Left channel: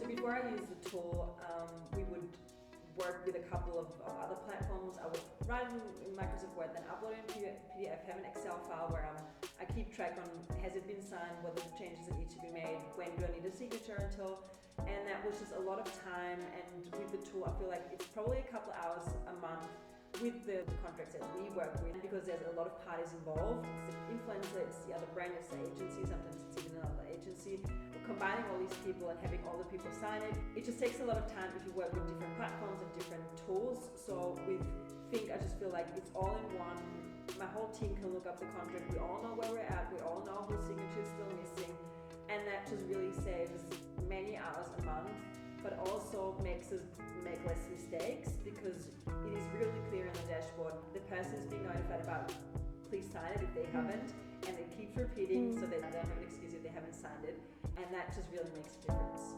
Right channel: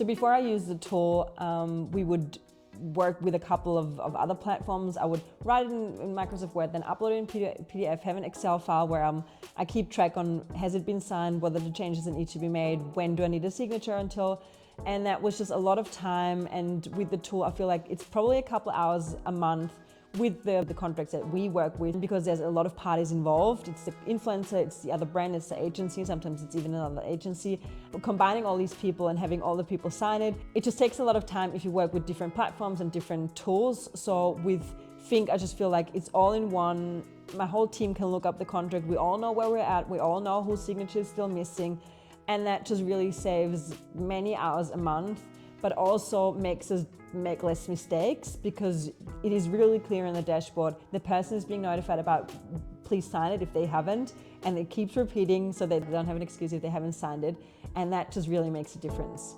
So before I used the tool, we would work with a couple of other platforms. I would write it in Microsoft Word, then upload it in PDF, have an Excel file where I keep track on has it been signed, what are the changes that need to be made, when do I need a signature until, and that was just a lot of time. And with the tool, I feel like it's probably a couple hours a month with the contracts that we work with, because there's a lot of parties involved. It's the influencer, it's the other brand, it's the agency, sometimes it's even another agency. Combining all these people and having all the people sign it just takes a lot of time if you work with different platforms and different tools. So with fynk, I just feel like it's all in one. My whole team can look up the contract, we all know where we're at, we all know whose signature is still missing, and that just really saves many hours a month, but also makes us make less mistakes, because it is really clear in the dashboard. The person is being notified about, please sign it if they haven't, and it keeps repeating so they don't have an excuse if they haven't signed it, and that just really makes a difference.